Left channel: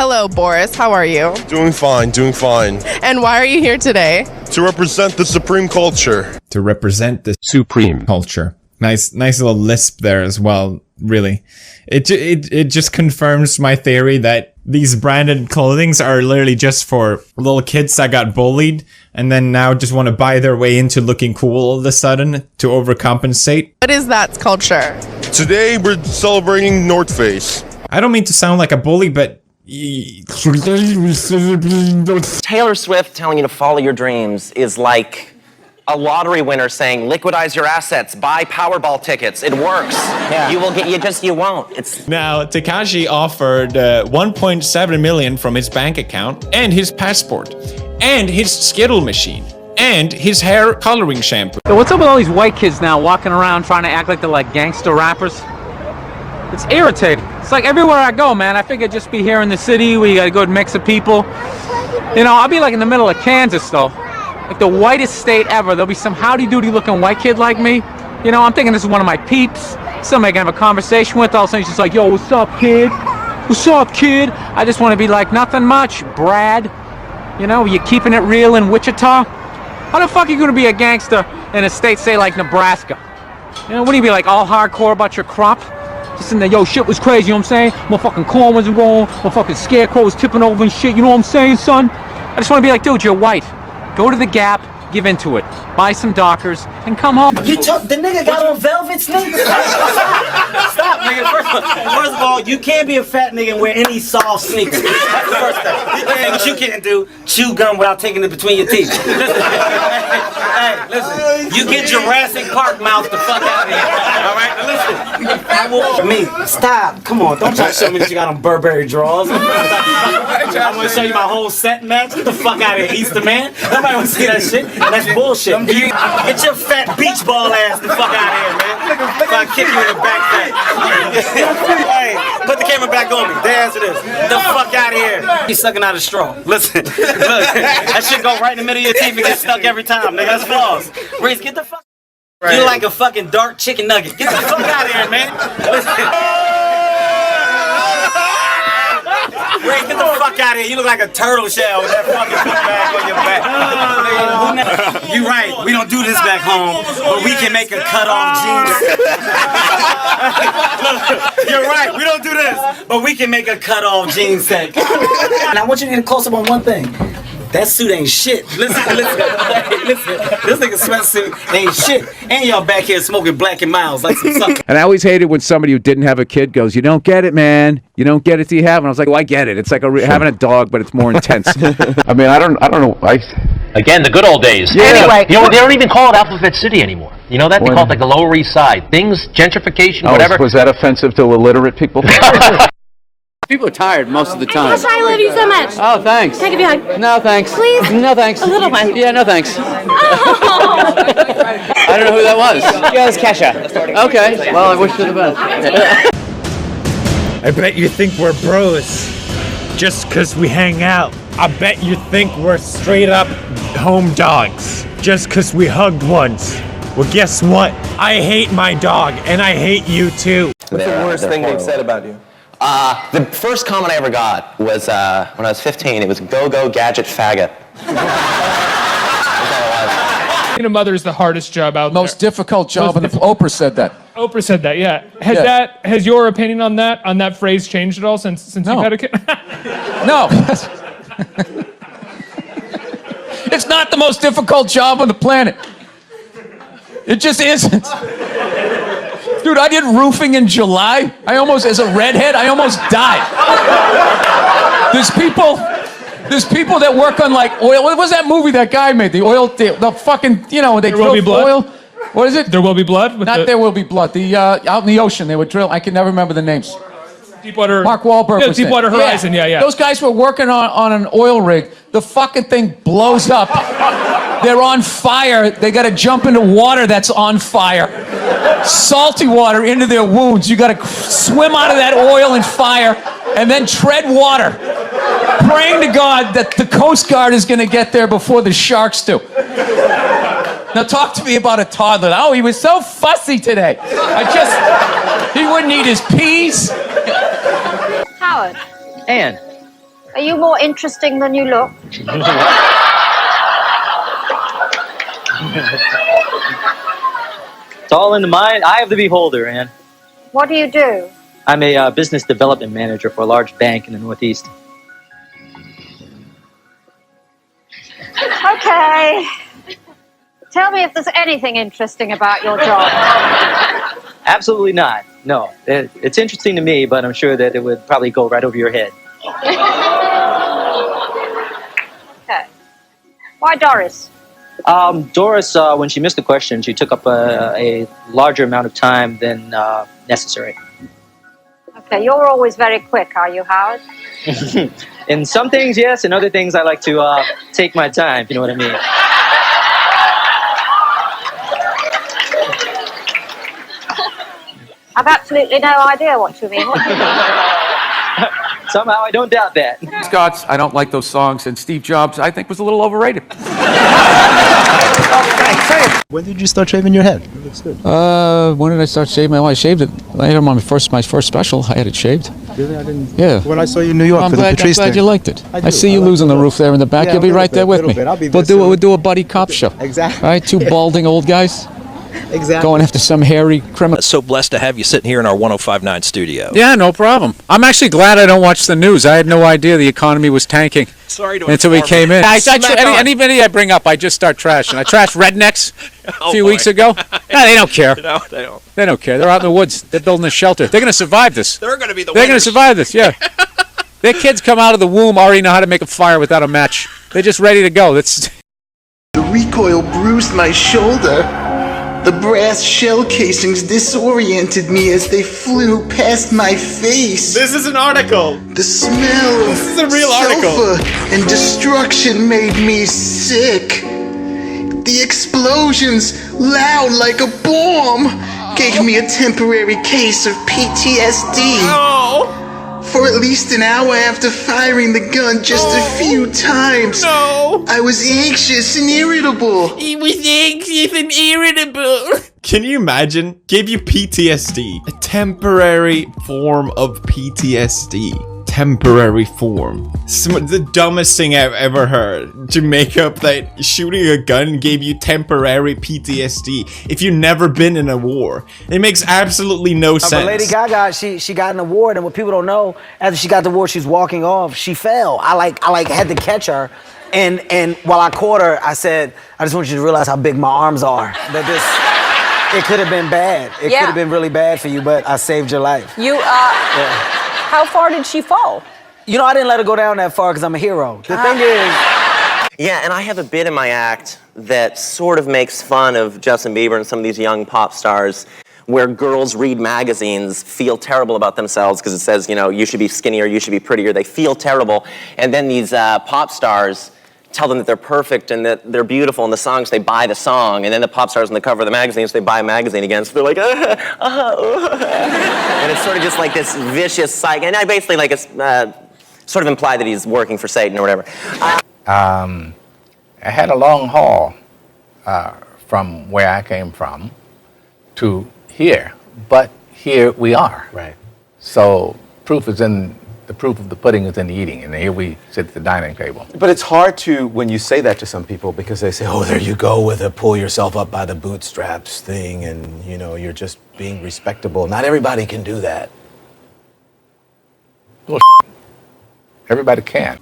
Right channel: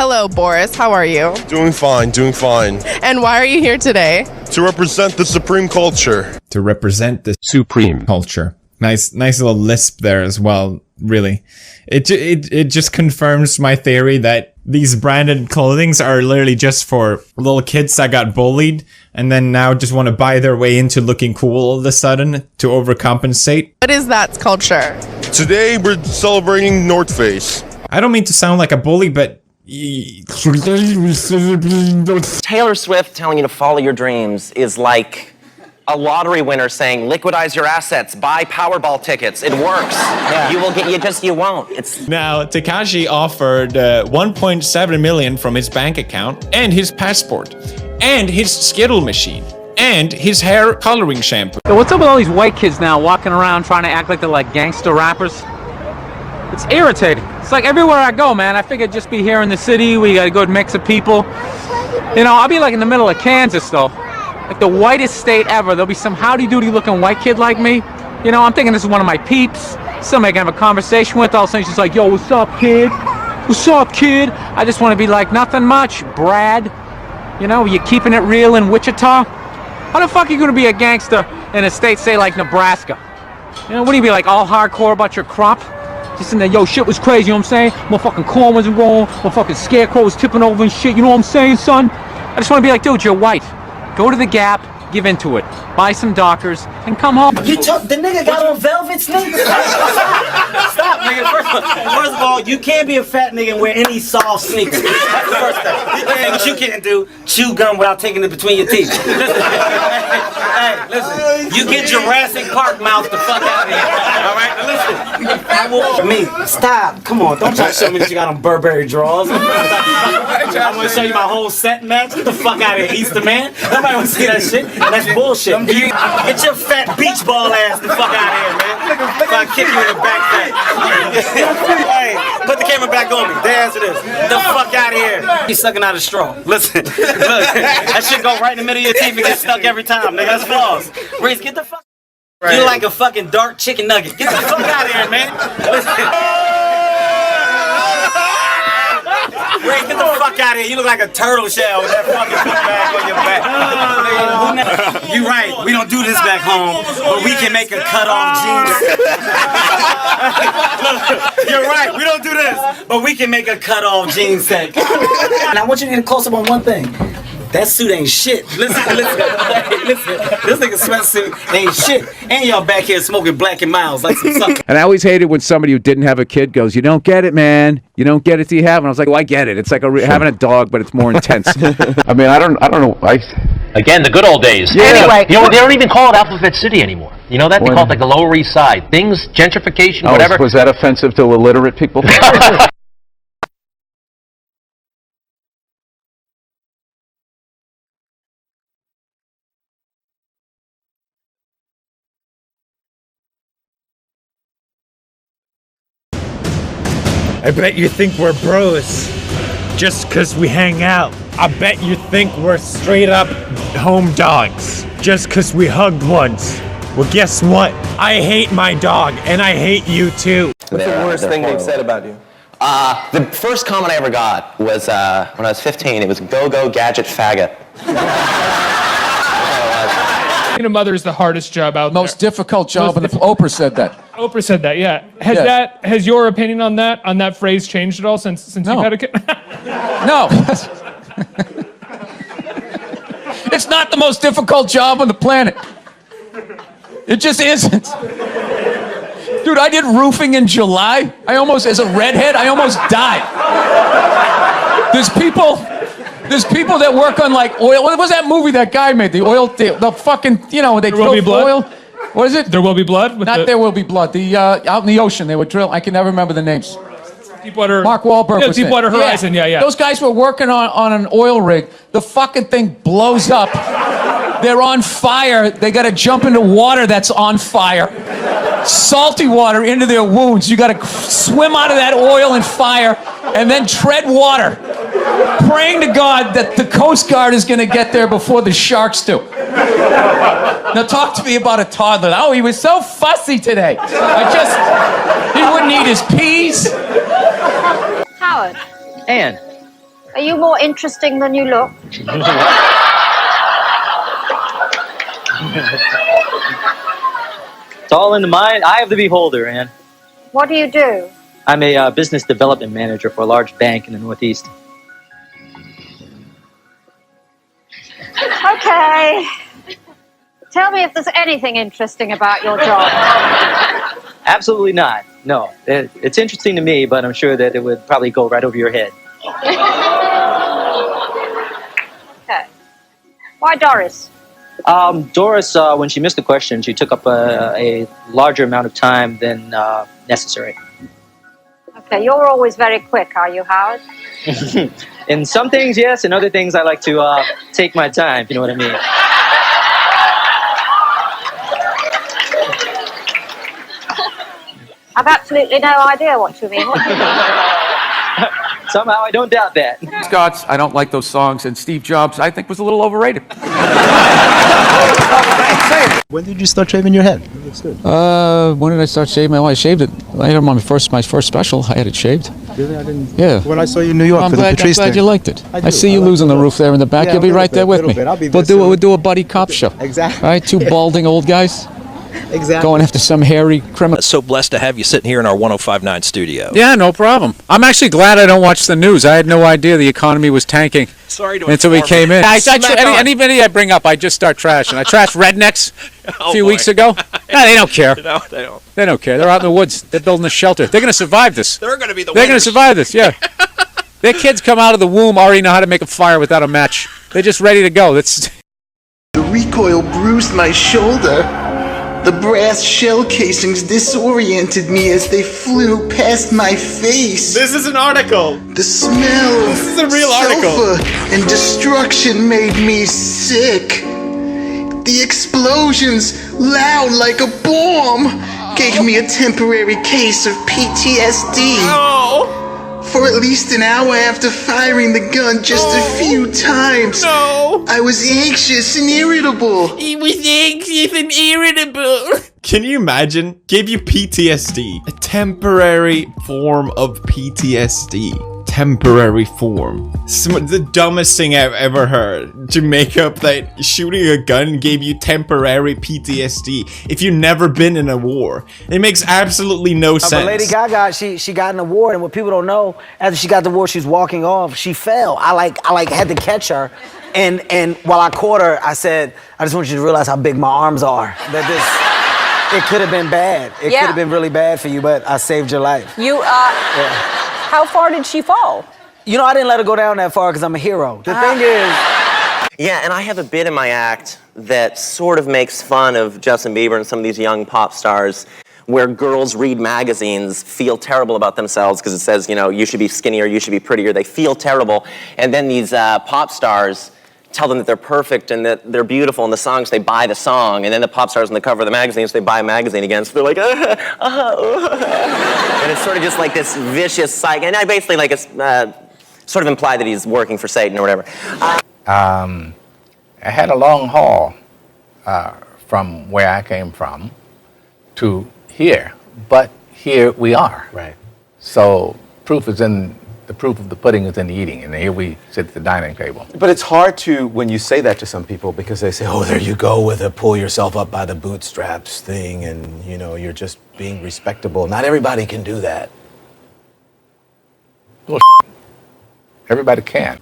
Hello, Boris. How are you? Doing fine, doing fine. And why are you here today? To represent the supreme culture. To represent the supreme culture. Nice little lisp there as well, really. It just confirms my theory that these branded clothings are literally just for little kids that got bullied and then now just want to buy their way into looking cool all of a sudden to overcompensate. What is that culture? Today we're celebrating North Face. I don't mean to sound like a bully, but Taylor Swift telling you to follow your dreams is like a lottery winner saying, liquidize your assets, buy Powerball tickets. It works. Yeah. You will get, you won't. It's Now, Tekashi offered 1.7 million from his bank account and his passport and his Skittle machine and his hair coloring shampoo. So what's up with all these white kids now walking around trying to act like they're like gangster rappers? It's irritating. It's like everywhere I go, man, I figure I'd just be here in the city. We got a good mix of people. You know, I'll be like in the middle of Kansas, though. Like the whitest state ever. There'll be some howdy-doody looking white kid like me. You know, I'm thinking this is one of my peeps. Somebody I can have a conversation with. All of a sudden she's like, yo, what's up, kid? What's up, kid? I just want to be like, nothing much, Brad. You know, you keeping it real in Wichita? How the fuck are you going to be a gangster in a state, say, like Nebraska? You know, wouldn't you be like all hardcore about your crop? Just in there, yo, shit was crazy, you know what I'm saying? Motherfucking corn was rolling, motherfucking scarecrow was tipping over and shit, you know what I'm saying, son? I just want to be like, dude, you're white. Go to the Gap, give into it. Buy some Dockers, and come home. The nigga got on velvet sneakers. Stop, nigga. First of all, you can't be a fat nigga and wear any soft sneakers. That's the first thing. And what you can't do, chew gum without taking it between your teeth. Listen, hey, listen. You get Jurassic Park mouth the fuck out of here. All right, now listen. I will. Me, stop. Come on, don't try to show me that you got on Burberry drawers. I want to show you my whole set match. Get the fuck out of here, Easter man. Nobody want to see that shit. That's bullshit. Get your fat beach ball ass the fuck out of here, man. If I kick you in the back fat. Hey, put the camera back on me. There answer this. The fuck out of here. He's sucking out a straw. Listen, look, that shit go right in the middle of your teeth and get stuck every time, nigga. That's flaws. Reese, get the fuck. Right. You're like a fucking dark chicken nugget. Get the fuck out of here, man. Listen. Ray, get the fuck out of here. You look like a turtle shell with that fucking bag on your back. You right. We don't do this back home, but we can make a cut-off jeans. You're right. We don't do this, but we can make a cut-off jeans set. And I want you to get close up on one thing. That suit ain't shit. Listen. This nigga sweatsuit ain't shit. And y'all back here smoking Black and Miles like some sucker. And I always hated when somebody who didn't have a kid goes, "You don't get it, man. You don't get it till you have." And I was like, "Well, I get it. It's like having a dog, but it's more intense." I mean, I don't know. Again, the good old days. Yeah. Anyway, you know, they don't even call it Alphabet City anymore. You know that? They call it like the Lower East Side. Things, gentrification, whatever. Was that offensive to illiterate people? People are tired most of the time. Gosh, I love you so much. Oh, thanks. Can I give you a hug? No, thanks. Please? No, thanks. A little one. Yeah, no, thanks. Oh. I don't know who that was. Yeah, it's Kesha. Okay. Well, I wish you the best. I bet you think we're bros just because we hang out. I bet you think we're straight up home dogs just because we hugged once. Well, guess what? I hate my dog, and I hate you too. What's the worst thing they've said about you? The first comment I ever got was when I was 15. It was "Go gadget faggot." Being a mother is the hardest job out there. Most difficult job. And Oprah said that. Oprah said that, yeah. Has your opinion on that phrase changed at all since you had a kid? No. It's not the most difficult job on the planet. It just isn't. Dude, I did roofing in July. As a redhead, I almost died. There's people that work on like oil. What was that movie that guy made? The oil, the fucking, you know, they drill oil. What is it? There Will Be Blood? There Will Be Blood. The out in the ocean, they would drill. I can never remember the names. Deepwater. Mark Wahlberg. Yeah, Deepwater Horizon. Yeah. Those guys were working on an oil rig. The fucking thing blows up. They're on fire. They got to jump into water that's on fire. Salty water into their wounds. You got to swim out of that oil and fire, and then tread water, praying to God that the Coast Guard is going to get there before the sharks do. Now talk to me about a toddler. Oh, he was so fussy today. He wouldn't eat his peas. Howard. Ann. Are you more interesting than you look? It's all in the mind, eye of the beholder, Ann. What do you do? I'm a business development manager for a large bank in the Northeast. Okay. Tell me if there's anything interesting about your job. Absolutely not. No. It's interesting to me, but I'm sure that it would probably go right over your head. Okay. Why Doris? Doris, when she missed the question, she took up a larger amount of time than necessary. Okay, you're always very quick, are you, Howard? In some things, yes. In other things, I like to take my time, if you know what I mean. I've absolutely no idea what you mean. What do you mean? Somehow, I don't doubt that. Scots, I don't like those songs, and Steve Jobs, I think, was a little overrated. When did you start shaving your head? When did I start shaving? I shaved it later on my first special. I had it shaved. Really? I didn't. Yeah. When I saw you in New York I'm for glad, the Patrice I'm glad thing. you liked it. I I, do. see you I like losing the roof there in the back. Yeah, You'll be a right there little with bit, me. I'll be We'll do a buddy cop show. Exactly. All right, two balding old guys Exactly. going after some hairy criminal. So blessed to have you sitting here in our 105.9 studio. Yeah, no problem. I'm actually glad I don't watch the news. I had no idea the economy was tanking. Sorry to Until we came in. Anybody I bring up, I just start trashing. I trashed rednecks a few weeks ago. Yeah, they don't care. No, they don't. They don't care. They're out in the woods. They're building a shelter. They're going to survive this. They're going to be the They're going to winners. survive this, yeah. Their kids come out of the womb already know how to make a fire without a match. They're just ready to go. That's. The recoil bruised my shoulder. The brass shell casings disoriented me as they flew past my face. This is an article. The smell This is a real of article. sulfur and destruction made me sick. The explosions, loud like a bomb, gave me a temporary case of PTSD. No. For at least an hour after firing the gun just a few times, I was anxious and irritable. He was anxious and irritable. Can you imagine? Gave you PTSD. A temporary form of PTSD. Temporary form. The dumbest thing I've ever heard. To make up that shooting a gun gave you temporary PTSD. If you've never been in a war. It makes absolutely no sense. But Lady Gaga, she got an award, and what people don't know, after she got the award, she was walking off. She fell. I had to catch her, and while I caught her, I said, I just want you to realize how big my arms are. That this, it could have been bad. It could have been really bad for you, but I saved your life. How far did she fall? You know, I didn't let her go down that far because I'm a hero. The thing is, Yeah, and I have a bit in my act that sort of makes fun of Justin Bieber and some of these young pop stars where girls read magazines, feel terrible about themselves because it says, you know, you should be skinnier, you should be prettier. They feel terrible. And then these pop stars tell them that they're perfect and that they're beautiful in the songs, they buy the song. And then the pop stars on the cover of the magazines, they buy a magazine again. So they're like, and it's sort of just like this vicious cycle. And I basically like sort of imply that he's working for Satan or whatever. I had a long haul from where I came from to here, but here we are. Right. So the proof of the pudding is in the eating, and here we sit at the dining table. But it's hard to, when you say that to some people, because they say, oh, there you go with a pull yourself up by the bootstraps thing, and, you know, you're just being respectable. Not everybody can do that. Well, everybody can.